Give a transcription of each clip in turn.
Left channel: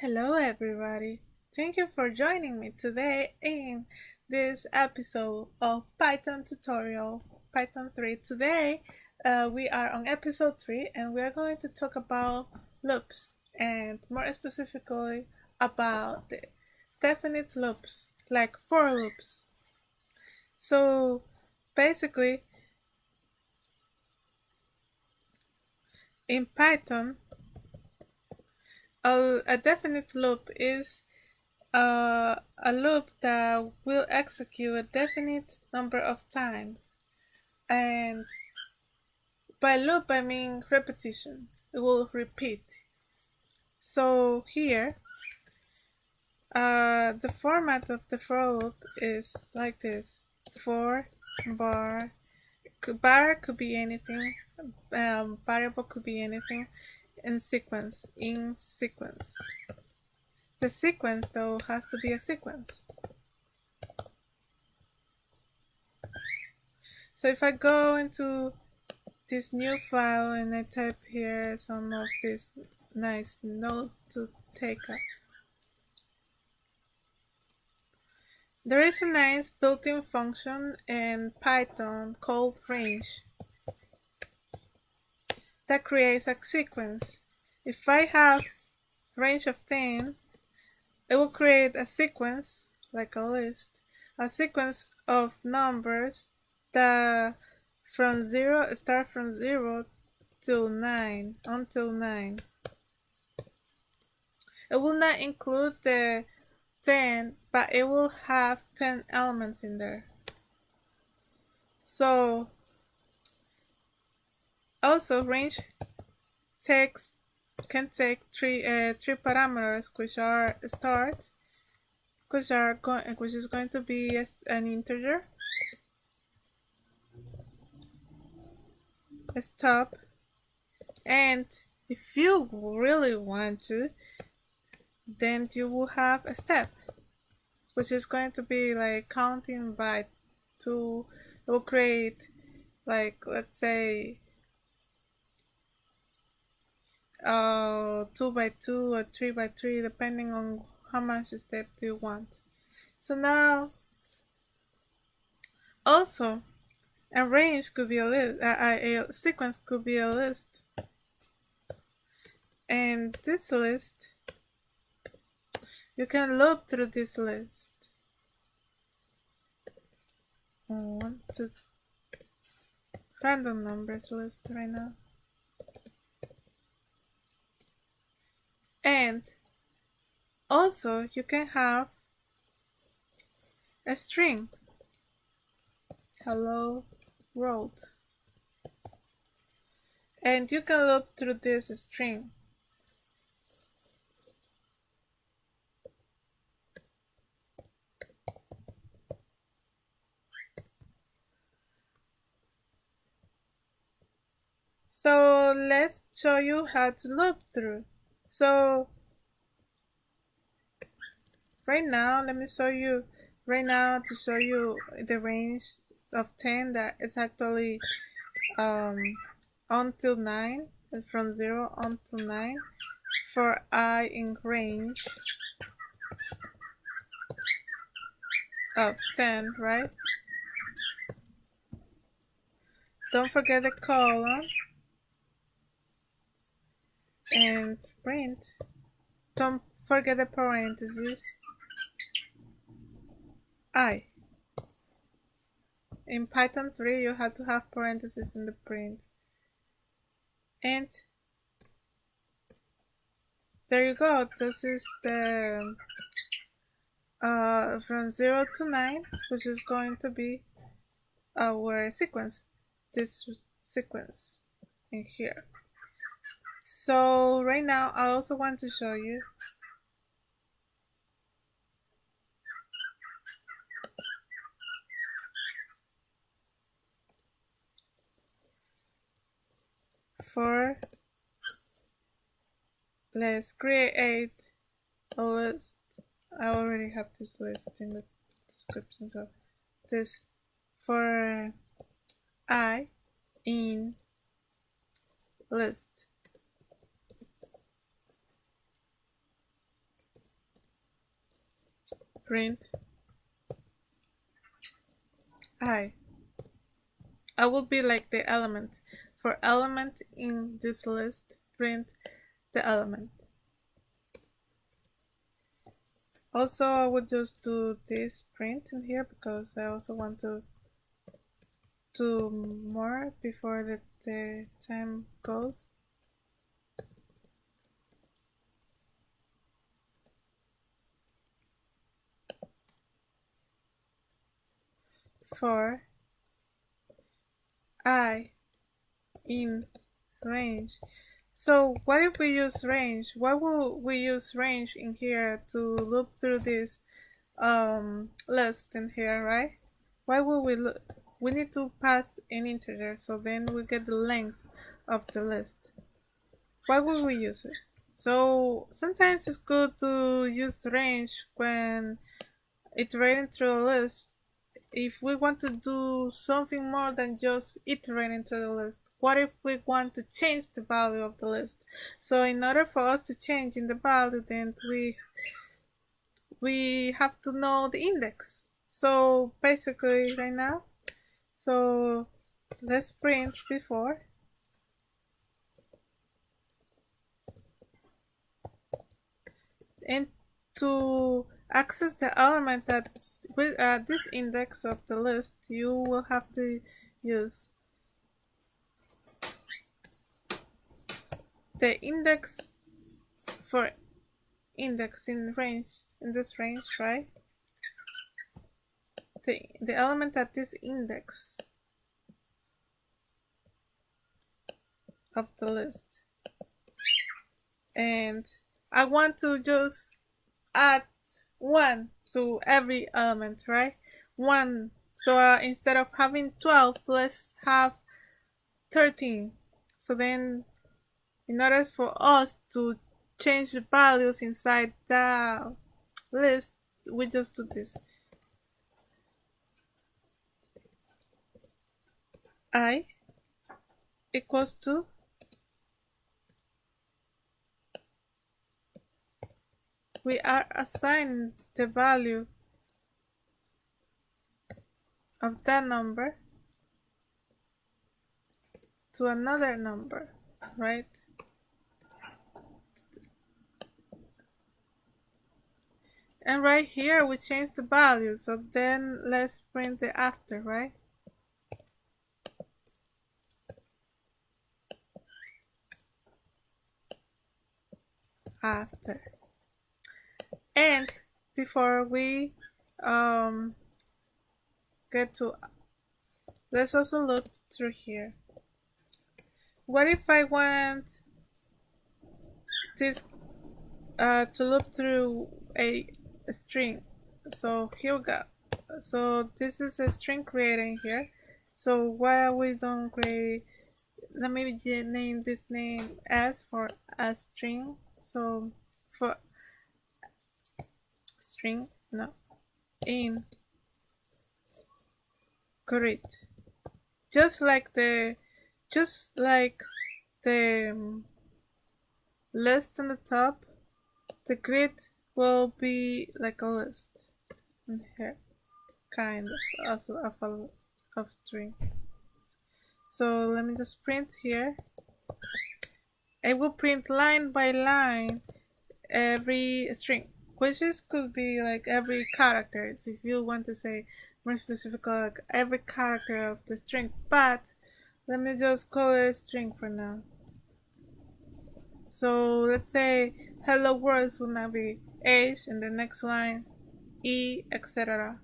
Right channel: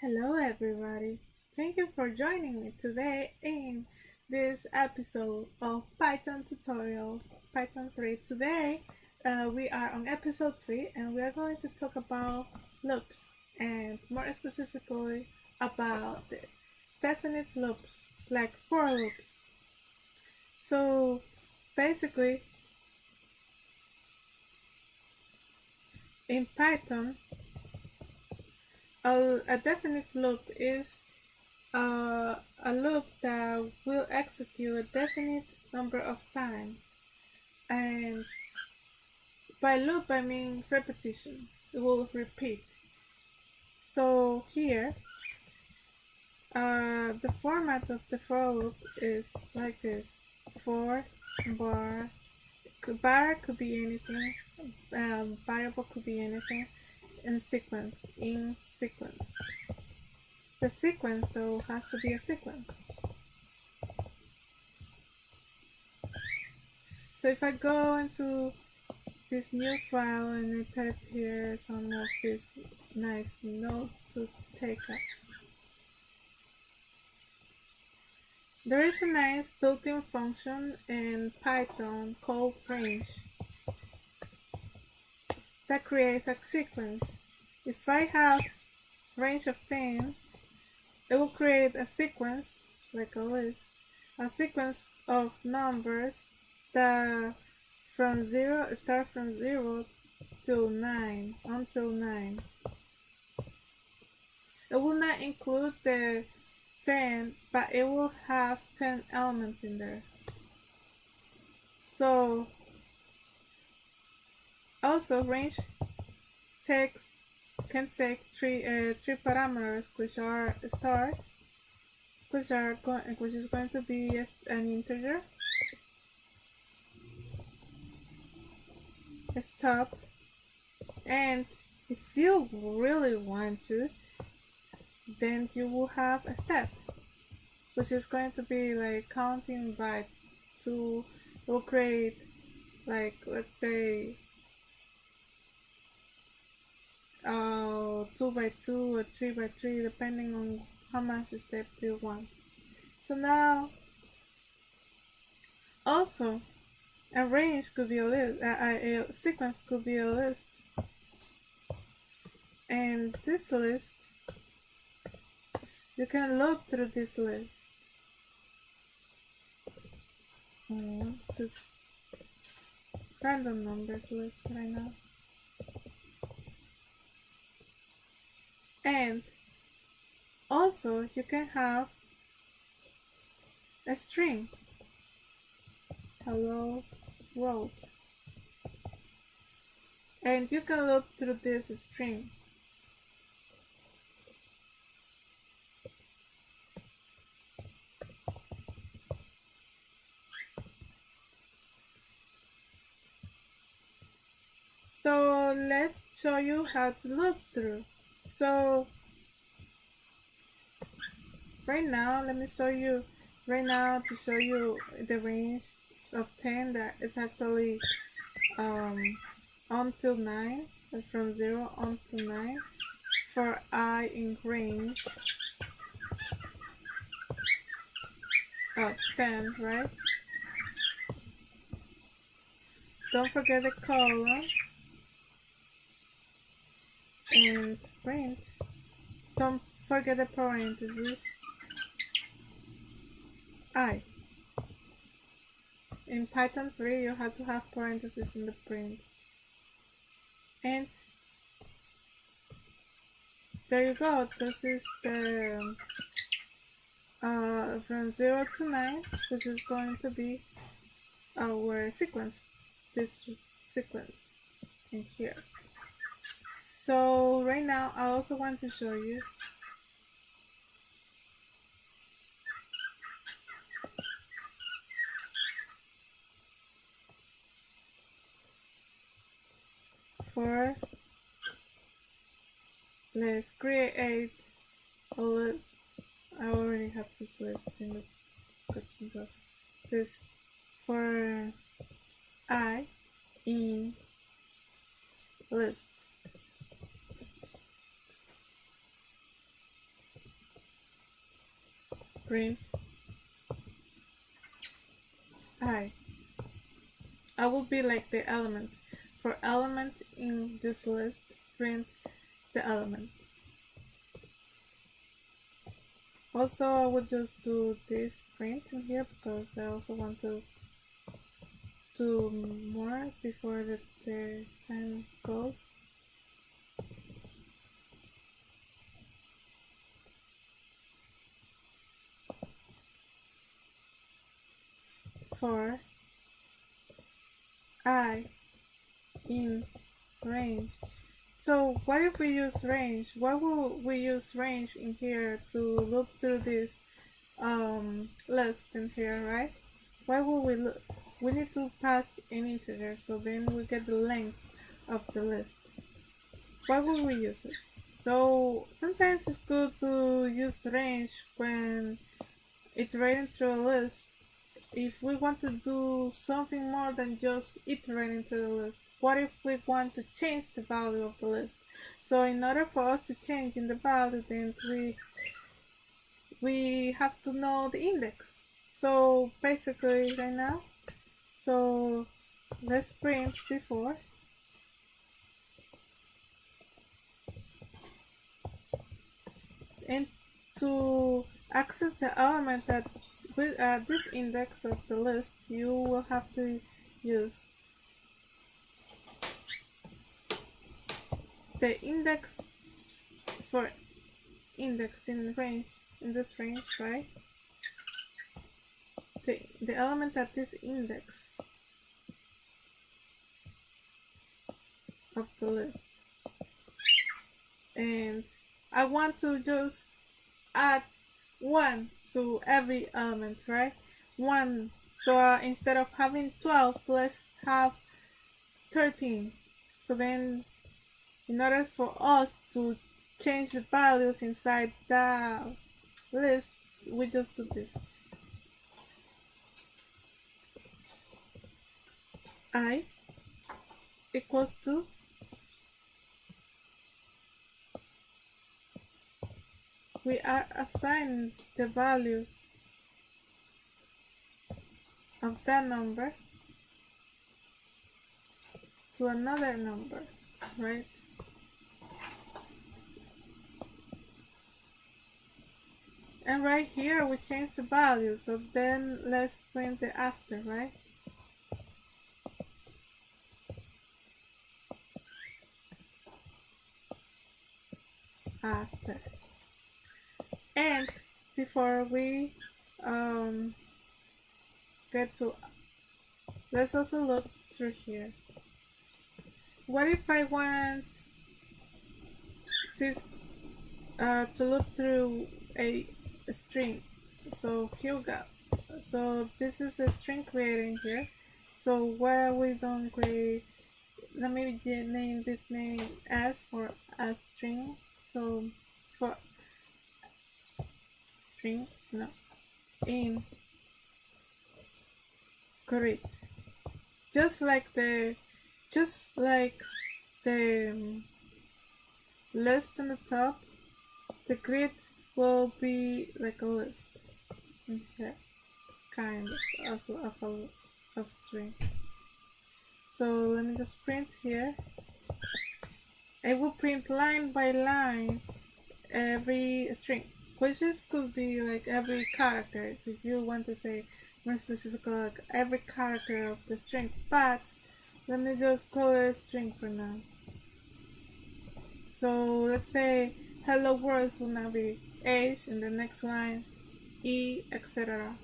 Hello, everybody. Thank you for joining me today in this episode of Python tutorial Python 3. Today, we are on episode 3 and we are going to talk about loops and more specifically about the definite loops like for loops. So, basically, in Python, a definite loop is a loop that will execute a definite number of times. And by loop, I mean repetition. It will repeat. So here, the format of the for loop is like this. For bar, bar could be anything, variable could be anything, in sequence. The sequence, though, has to be a sequence. So if I go into this new file and I type here some of these nice notes to take up, there is a nice built-in function in Python called range that creates a sequence. If I have range of 10, it will create a sequence, like a list, a sequence of numbers that start from 0 till 9, until 9. It will not include the 10, but it will have 10 elements in there. So also range can take three parameters, which are start, which is going to be an integer, a stop, and if you really want to, then you will have a step, which is going to be like counting by 2. It will create, like, let's say 2 by 2 or 3 by 3, depending on how much step do you want. So now also a range could be a list, a sequence could be a list, and this list, you can loop through this list. 1, 2, random numbers list right now. And also you can have a string, hello world, and you can loop through this string. So let's show you how to loop through. So right now, let me show you right now to show you the range of 10 that is actually until 9, from 0 until 9 for I in range of 10, right? Don't forget the colon and print. Don't forget the parentheses. I. In Python 3, you have to have parentheses in the print. And there you go. This is the from 0 to 9, which is going to be our sequence. This sequence in here. So right now, I also want to show you for, let's create a list. I already have this list in the description, so this for I in list. print I will be like the element. For element in this list, print the element. Also, I would just do this print in here because I also want to do more before the time goes. For I in range. So what if we use range? Why will we use range in here to look through this list in here, right? Why will we look? We need to pass an integer, so then we get the length of the list. Why would we use it? So sometimes it's good to use range when iterating through a list if we want to do something more than just iterating through the list. What if we want to change the value of the list? So in order for us to change in the value, then we have to know the index. So basically right now, so let's print before. And to access the element that with this index of the list, you will have to use the index for index in range, in this range, right? The element at this index of the list. And I want to just add 1 to every element, right? 1. So instead of having 12, let's have 13. So then in order for us to change the values inside the list, we just do this. I equals to we are assigning the value of that number to another number, right? And right here we change the value, so then let's print the after, right? After. And before we get to, let's also look through here. What if I want this to look through a string? So here we go. So this is a string created here. So why we don't create, let me name this name as for a string. So for string, no, in greet, just like the list on the top, the grid will be like a list in here, kind of also of a list of string. So let me just print here. I will print line by line every string, which is could be like every character. So if you want to say more specific, like every character of the string, but let me just call it a string for now. So let's say hello world will now be H, and the next line E, etc.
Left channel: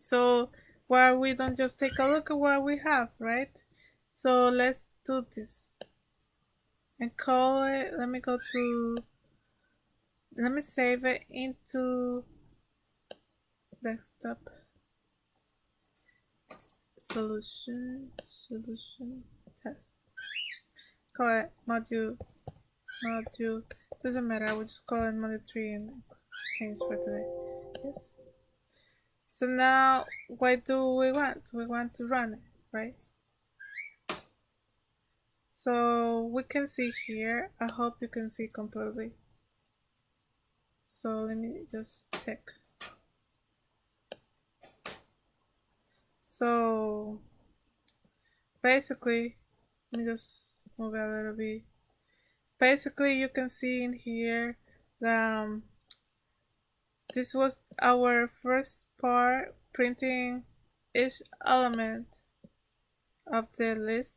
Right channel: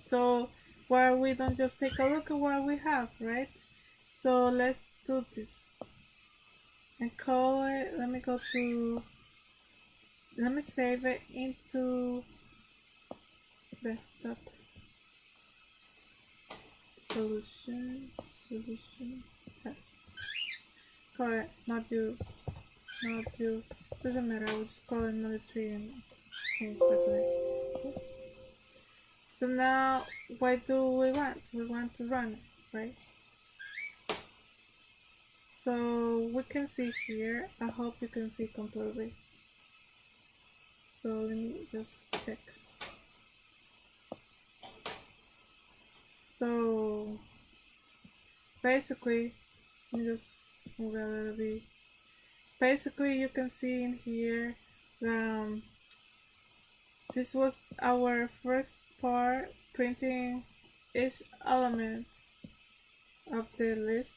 So why we don't just take a look at what we have, right? So let's do this and call it, let me save it into desktop solution test. Call it module, doesn't matter, I will just call it module 3 and change for today. Yes. So now what do we want? We want to run it, right? So we can see here, I hope you can see completely. So let me just check. So basically, let me just move it a little bit. Basically, you can see in here that this was our first part, printing each element of the list.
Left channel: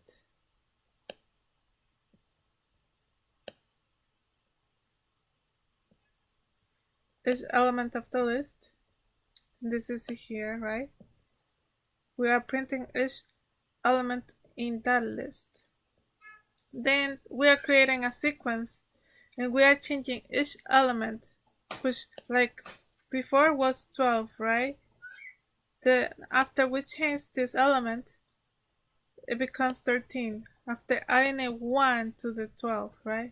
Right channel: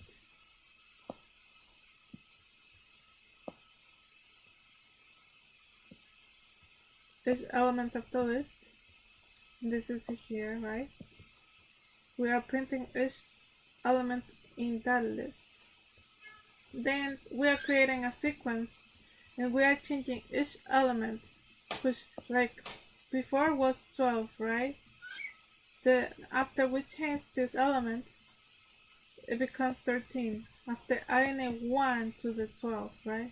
Each element of the list. This is here, right? We are printing each element in that list. Then we are creating a sequence and we are changing each element, which like before was 12, right? After we change this element, it becomes 13 after adding a 1 to the 12, right?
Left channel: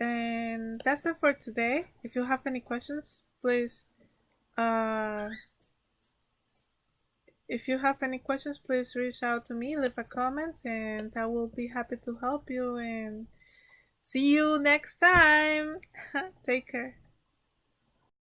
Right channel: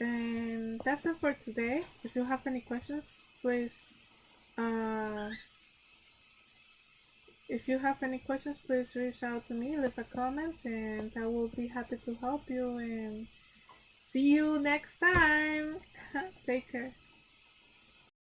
And that's it for today. If you have any questions, please reach out to me, leave a comment, and I will be happy to help you. And see you next time. Take care.